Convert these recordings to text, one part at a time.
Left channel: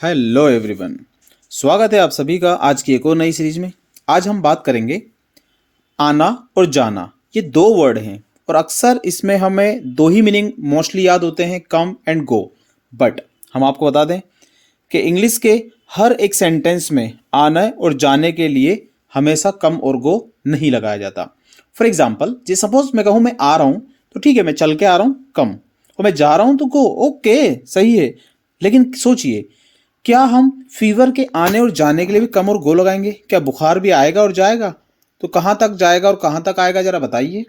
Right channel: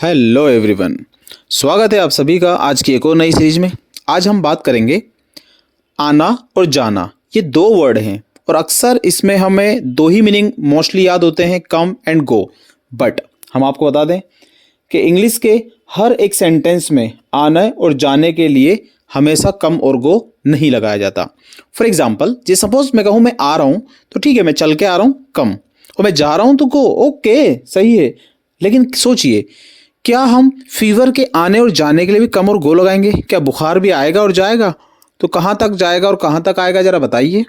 Hello everyone. स्वागत है आप सभी का आज की एक और नई सीरीज में। आज हम बात करेंगे आना और जाना। ये दो वर्ड हैं और अक्सर इसमें हमें दो ही मीनिंग मोस्टली याद होते हैं, कम एंड गो। बट हम आपको बता दें कि इंग्लिश के हर एक सेंटेंस में आना और जाने के लिए हमेशा कम और गो नहीं लगाया जाता। फॉर एग्जाम्पल, जे सपोज मैं कहूँ मैं आ रहा हूँ तो ठीक है, मैं चल के आ रहा हूँ कम, और मैं जा रहा हूँ तो गो, ओके सही है। लेकिन सोचिए, क्या हम फीवर के आने और जाने के लिए भी कम और गो लगाएंगे? क्या बुखार भी आएगा और जाएगा? तो कहाँ तक जाएगा और कहाँ तक आएगा, जरा बताइए।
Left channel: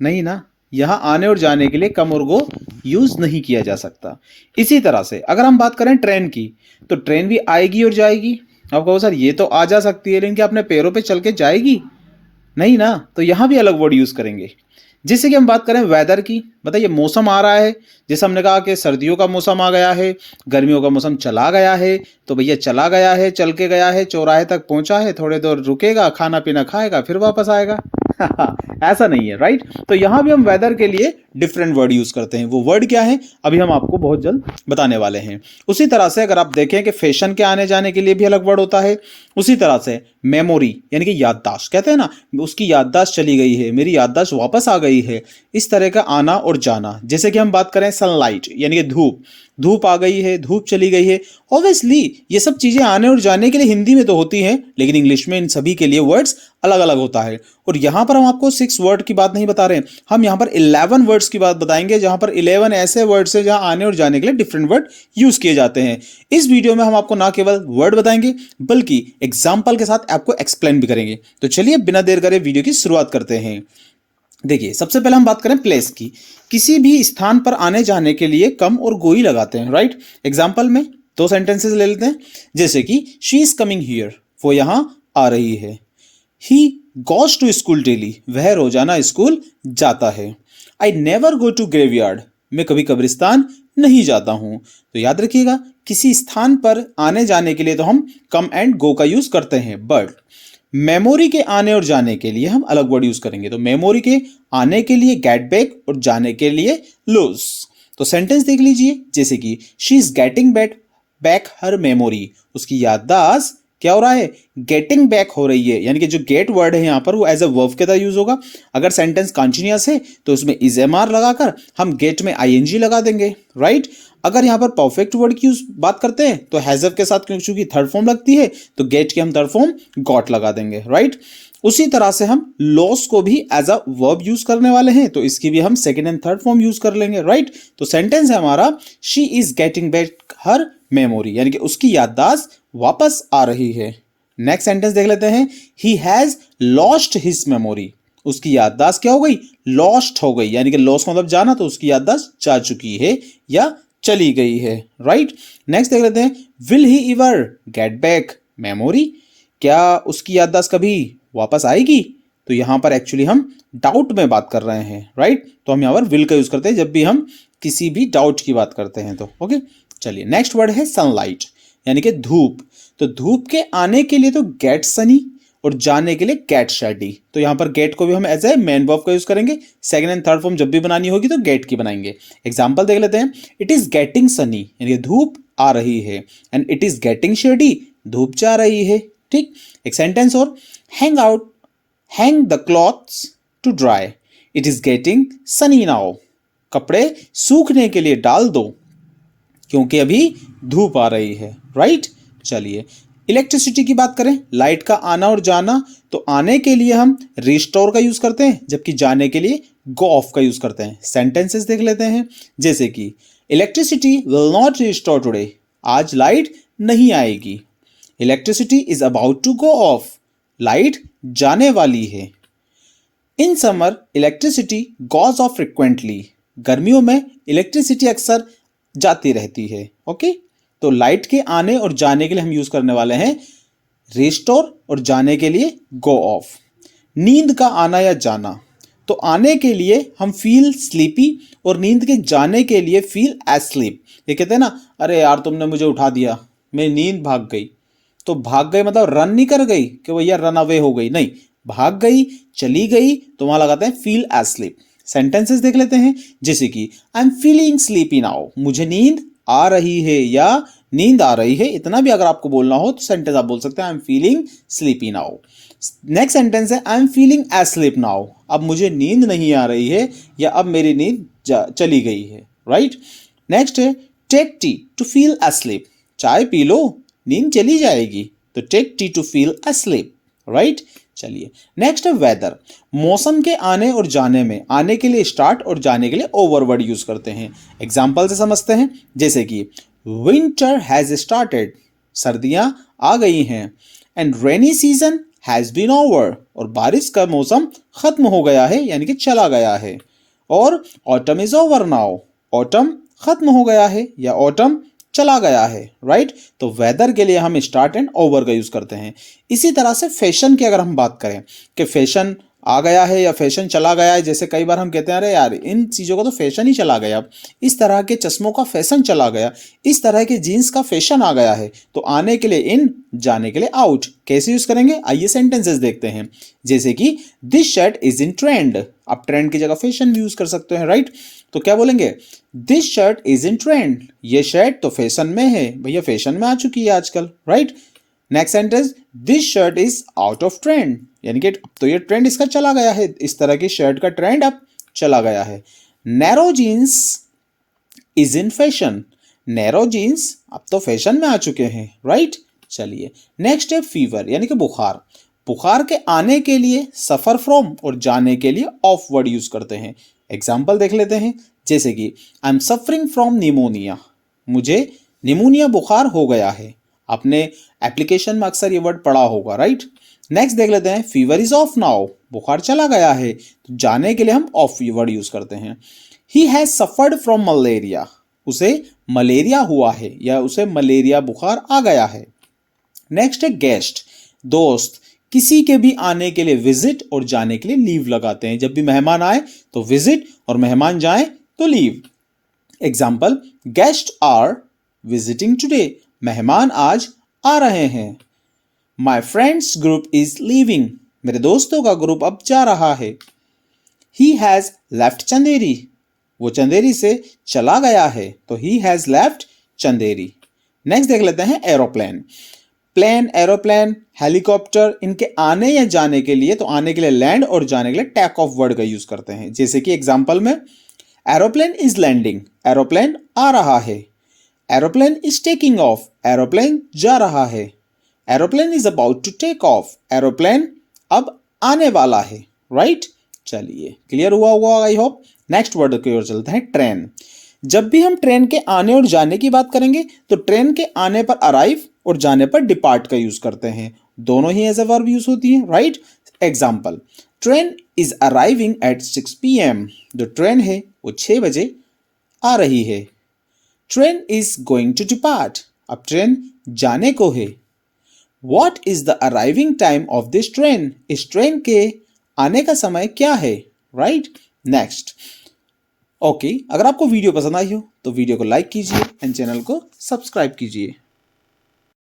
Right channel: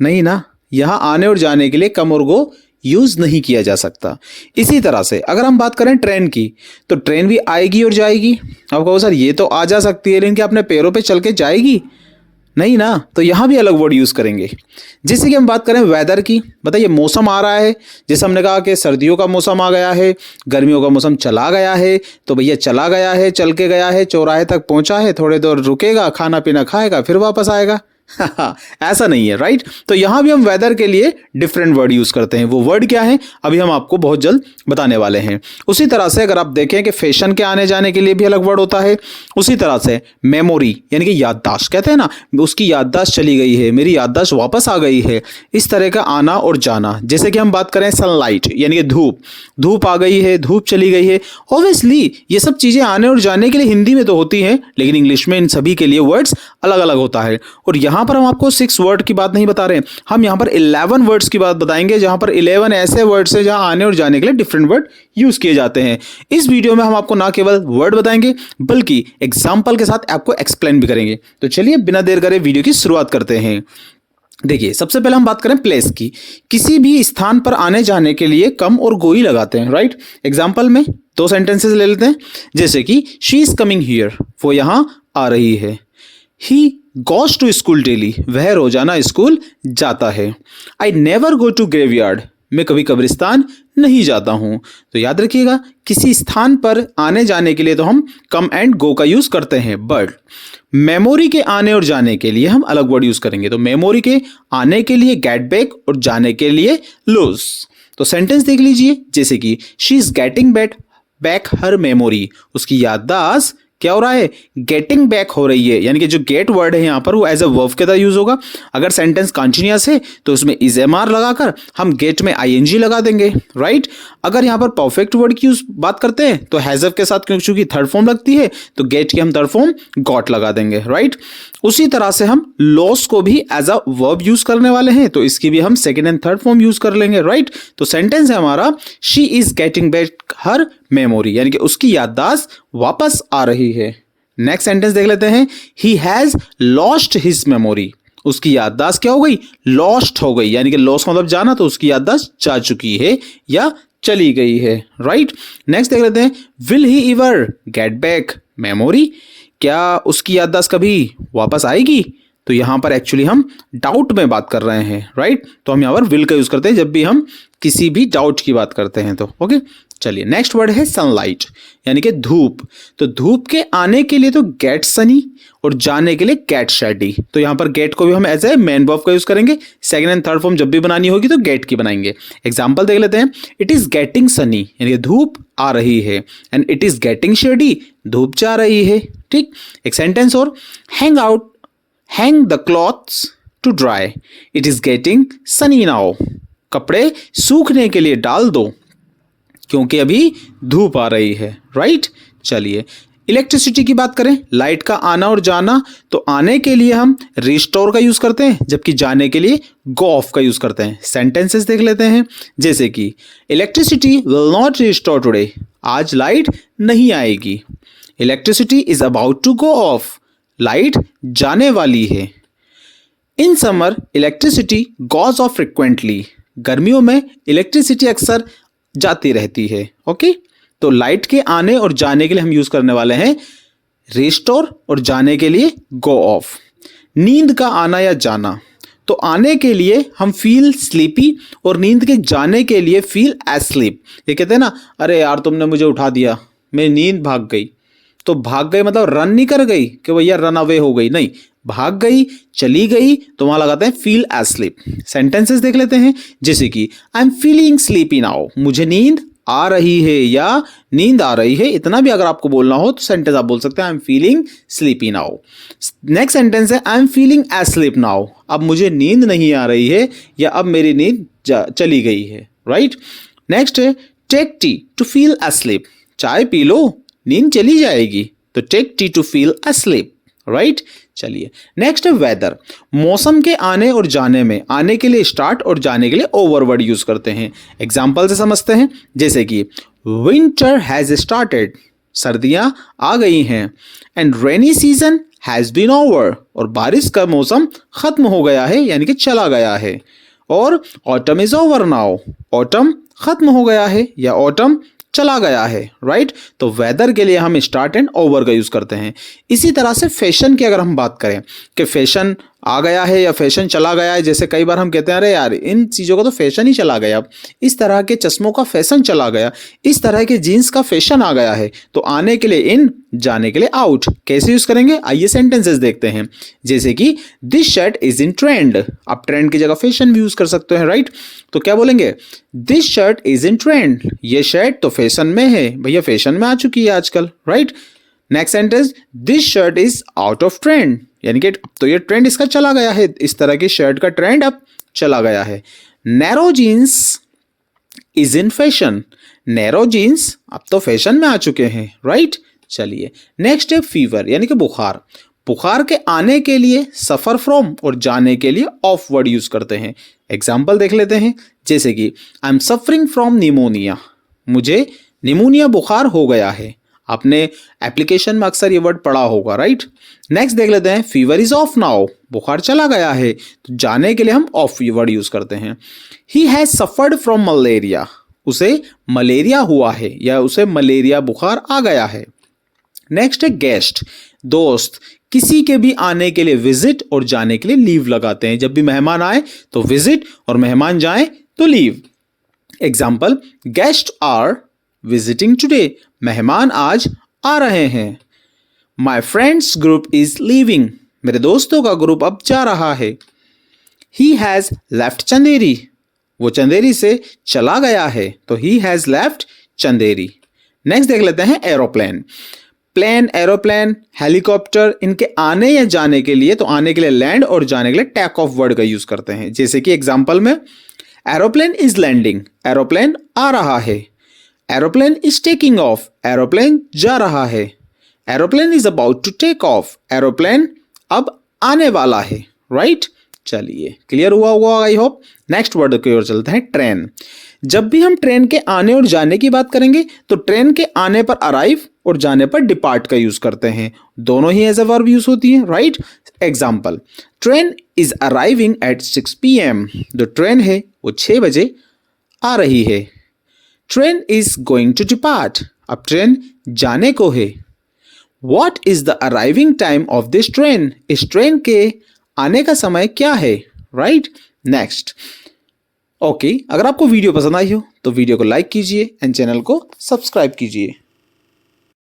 नहीं ना, यहाँ आने और जाने के लिए कम और गो यूज नहीं किया जा सकता। इसी तरह से अगर हम बात करें ट्रेन की, तो ट्रेन भी आएगी और जाएगी। आप कहो सर ये तो आ जा सकती है, लेकिन क्या अपने पैरों पे चल के जाएगी? नहीं ना, तो यहाँ भी अलग वर्ड यूज करेंगे। जैसे कि हम बात करें वेदर की, बताइए मौसम आ रहा है, जैसे हमने कहा कि सर्दियों का मौसम आ गया है, गर्मियों का मौसम चला गया है, तो भैया चला गया है, चल के गया है, चौराहे तक पहुंचा है, थोड़े देर रुकेगा, खाना पीना खाएगा, फिर वापस आएगा। ऐसा नहीं है, राइट? तो यहाँ भी हम वेदर के लिए डिफरेंट वर्ड यूज करते हैं। वो वर्ड क्या है अभी हम आपको बहुत जल्द बताने वाले हैं। उसी तरह से अगर आप देखें कि फैशन के आने जाने के लिए भी अलग वर्ड होता है। उसी तरह से मेमोरी यानी कि याददाश्त, कहते हैं ना उसकी याददाश्त चली गई है, मेरी याददाश्त वापस आ गई है, इस तरह का आना और जाना। जैसे कि हम बात करें सनलाइट यानी कि धूप, धूप आ गई है, धूप चली गई है। ऑब्वियसली ये सब चीजें आने और जाने के लिए हिंदी में तो होती हैं, लेकिन इंग्लिश में इन सभी के लिए वर्ड्स अलग अलग होता है। और यहाँ पर हम आपको 6 वर्ड की बात नहीं बता रहे हैं, हम यहाँ पर 11 वर्ड्स की बात बताएंगे, जहां पर 11 ऐसे वर्ड्स हैं जहां आने और जाने के लिए डिफरेंट वर्ड यूज किए जाते हैं। इस वीडियो में हम आपको ना केवल वर्ड बताएंगे बल्कि एग्जाम्पल के साथ आपको एक्सप्लेन भी करेंगे। तो चलिए बिना देर करे वीडियो की शुरुआत करते हैं। देखिए, सबसे पहले हम बात करें प्लेस की। किसी भी स्थान पर आने जाने के लिए कम और गो ही लगाते हैं, राइट? एग्जाम्पल में 2 सेंटेंसेस ले लेते हैं। जैसे कि शी इज कमिंग हियर, वो यहां आ रही है। He goes to school daily, वह रोजाना स्कूल जाता है। I never go to graveyard, मैं कभी कब्रिस्तान नहीं जाता हूं। तो याद रखिएगा, किसी स्थान पर आने जाने के लिए तो हम कम एंड गो का यूज करते हैं, बट मेमोरी के आने और जाने के लिए हम अलग वर्ड यूज करेंगे। तो मेमोरी के आने के लिए गेट बैक और जाने के लिए लूज। तो सेंटेंस देख लीजिए, जैसे कि she is getting back her memory, उसकी याददाश्त क्या हो रहा है, गेटिंग बैक हो रही है। यानी कि जो गेट वर्ड है यहाँ पर वो एज अ वर्ब के तरह यूज होगा। अगर सेंटेंस कॉन्टिन्यूअस है तो उसमें इज एम आर लगाकर हम गेट में आईएनजी लगा देंगे, राइट? अगर यहाँ पर परफेक्ट वर्ड की बात करते हैं तो हैजव के साथ क्योंकि थर्ड फॉर्म लगती है तो गेट की हम थर्ड फॉर्म गॉट लगा देंगे, राइट? उसी तरह से हम लॉस को भी एज अ वर्ब यूज करने वाले हैं, तो इसकी भी हम second and third form use कर लेंगे, राइट? तो सेंटेंस है हमारा she is getting back her memory, यानी कि उसकी याददाश्त वापस आ रही है। नेक्स्ट सेंटेंस देख लेते हैं। He has lost his memory, उसकी याददाश्त क्या हो गई, लॉस्ट हो गई। यानी कि लॉस मतलब जाना, तो उसकी याददाश्त जा चुकी है या चली गई है, राइट? नेक्स्ट देख लेते हैं। Will he ever get back memory, क्या उसकी याददाश्त कभी वापस आएगी? तो यहां पर एक्चुअली हम डाउट में बात कर रहे हैं, राइट? तो हम यहां पर विल का यूज करते हैं जब भी हम किसी भी डाउट की बात करते हैं, तो ओके। चलिए, नेक्स्ट वर्ड है सनलाइट यानी कि धूप। तो धूप के आने के लिए तो गेट सनी और जाने के लिए गेट शेडी। तो यहां पर गेट को भी हम एज ए मेन वर्ब का यूज करेंगे। सेकंड एंड थर्ड फॉर्म जब भी बनानी होगी तो गेट की बनाएंगे। एग्जांपल देख लेते हैं। इट इज गेटिंग सनी यानी कि धूप आ रही है, and it is getting shady, धूप जा रही है, ठीक? एक सेंटेंस और, hang the clothes to dry, it is getting sunny now, कपड़े सूखने के लिए डाल दो क्योंकि अभी धूप आ रही है, राइट? चलिए, इलेक्ट्रिसिटी की बात करें, लाइट का आना और जाना, तो आने के लिए हम रिस्टोर का यूज करते हैं, जबकि जाने के लिए गो ऑफ का यूज करते हैं। सेंटेंसेस देख लेते हैं। जैसे कि electricity will not restore today, आज लाइट नहीं आएगी। Electricity is about to go off, light जाने वाली है। In summer electricity goes off frequently, गर्मियों में इलेक्ट्रिसिटी अक्सर जाती रहती है, ओके? तो लाइट के आने और जाने के लिए हम यूज करने वाले हैं रिस्टोर और जाने के लिए गो ऑफ। नींद का आना या जाना, तो आने के लिए हम फील स्लीपी और नींद के जाने के लिए फील एस्लीप। ये कहते हैं ना, अरे यार तुमने मुझे उठा दिया, मेरी नींद भाग गई। तो भाग गई मतलब रन नहीं कर गई कि भैया रन अवे हो गई, नहीं, भाग गई, चली गई, तो वहां लगाते हैं फील एस्लीप। सेंटेंसेस देख लेते हैं। जैसे कि आई एम फीलिंग स्लीपी नाउ, मुझे नींद आ रही है या नींद आ रही है, इतना भी अगर आपको बोलना हो तो सेंटेंस आप बोल सकते हैं I am feeling sleepy now. Next sentence है I am feeling asleep now, अब मुझे नींद नहीं आ रही है या अब मेरी नींद चली गई है, राइट। नेक्स्ट है take tea to feel asleep, चाय पी लो नींद चली जाएगी, तो take tea to feel asleep, right. चलिए नेक्स्ट है वेदर, मौसम के आने और जाने में आने के लिए स्टार्ट और जाने के लिए ओवर वर्ड यूज करते हैं। एग्जाम्पल से समझते हैं, जैसे कि विंटर हैज स्टार्टेड, सर्दियां आ गई हैं, and rainy season has been over, और बारिश का मौसम खत्म हो गया है यानी कि चला गया है, और autumn is over now, autumn खत्म हो गया है या ऑटम चला गया है, राइट। तो वेदर के लिए हम स्टार्ट एंड ओवर का यूज करते हैं। इसी तरह से फैशन की अगर हम बात करें कि फैशन आ गया है या फैशन चला गया है, जैसे कई बार हम कहते हैं अरे यार इन चीज़ों का तो फैशन ही चला गया, इस तरह के चश्मों का फैशन चला गया, इस तरह के जीन्स का फैशन आ गया है, तो आने के लिए इन, जाने के लिए आउट। कैसे यूज करेंगे, आइए सेंटेंसेस देखते हैं। जैसे कि this shirt is in trend, आप ट्रेंड की जगह फैशन भी यूज कर सकते हैं, राइट। तो क्या बोलेंगे, this shirt is in trend, ये शर्ट तो फैशन में है, भैया फैशन में आ चुकी है आजकल, right. Next sentence, this shirt is out of trend, यानी कि अब तो ये ट्रेंड इसका चला गया है, इस तरह की शर्ट का ट्रेंड अब चला गया है। Narrow jeans is in fashion, narrow jeans अब तो फैशन में आ चुके हैं, राइट। चलिए नेक्स्ट है फीवर, यानी कि बुखार, बुखार के आने के लिए सफर फ्रॉम और जाने के लिए ऑफ वर्ड यूज करते हैं। एग्जाम्पल देख लेते हैं, जैसे कि I am suffering from pneumonia, मुझे निमोनिया बुखार हो गया है, आपने एप्लीकेशन में अक्सर ये वर्ड पढ़ा होगा, राइट। नेक्स्ट देख लेते हैं, फीवर इज ऑफ नाउ, बुखार चला गया है, तो जाने के लिए हम ऑफ वर्ड यूज करते हैं। He has suffered from malaria, उसे मलेरिया हुआ है या उसे मलेरिया बुखार आ गया है। नेक्स्ट है गेस्ट, दोस्त, किसी के भी आने के लिए विजिट और जाने के लिए लीव लगाते हैं। जब भी मेहमान आए तो विजिट और मेहमान जाए तो leave. Example, guest are visiting today, मेहमान आज आ रहे हैं। My friends group is leaving, मेरे दोस्तों का ग्रुप अब जा रहा है। ही हैज लेफ्ट चंदेरी, वो चंदेरी से चला गया है, तो he has left Chanderi. Next देख लेते हैं एरोप्लेन, प्लेन, एरोप्लेन, हेलीकॉप्टर, इनके आने या जाने के लिए, तो आने के लिए लैंड और जाने के लिए टेक ऑफ वर्ड का यूज करते हैं। जैसे कि एग्जाम्पल में, एरोप्लेन इज लैंडिंग, एरोप्लेन आ रहा है। Aeroplane is taking off, aeroplane जा रहा है। Aeroplane is about to take off, aeroplane अब आने वाला है, राइट। चलिए क्लियर हुआ होगा आई होप। नेक्स्ट वर्ड की ओर चलते हैं, ट्रेन। जब भी हम ट्रेन के आने और जाने की बात करेंगे तो ट्रेन के आने पर अराइव और जाने पर डिपार्ट का यूज करते हैं, दोनों ही एज अ वर्ब यूज होती है, right. Example, train is arriving at 6 PM, जो ट्रेन है वो 6 बजे आ रही है। Train is going to depart, अब ट्रेन जाने को है। What is the arriving time of this train, इस ट्रेन के आने का समय क्या है, राइट। नेक्स्ट, ओके, अगर आपको वीडियो पसंद आई हो तो वीडियो को लाइक कीजिए एंड चैनल को सब्सक्राइब कीजिए।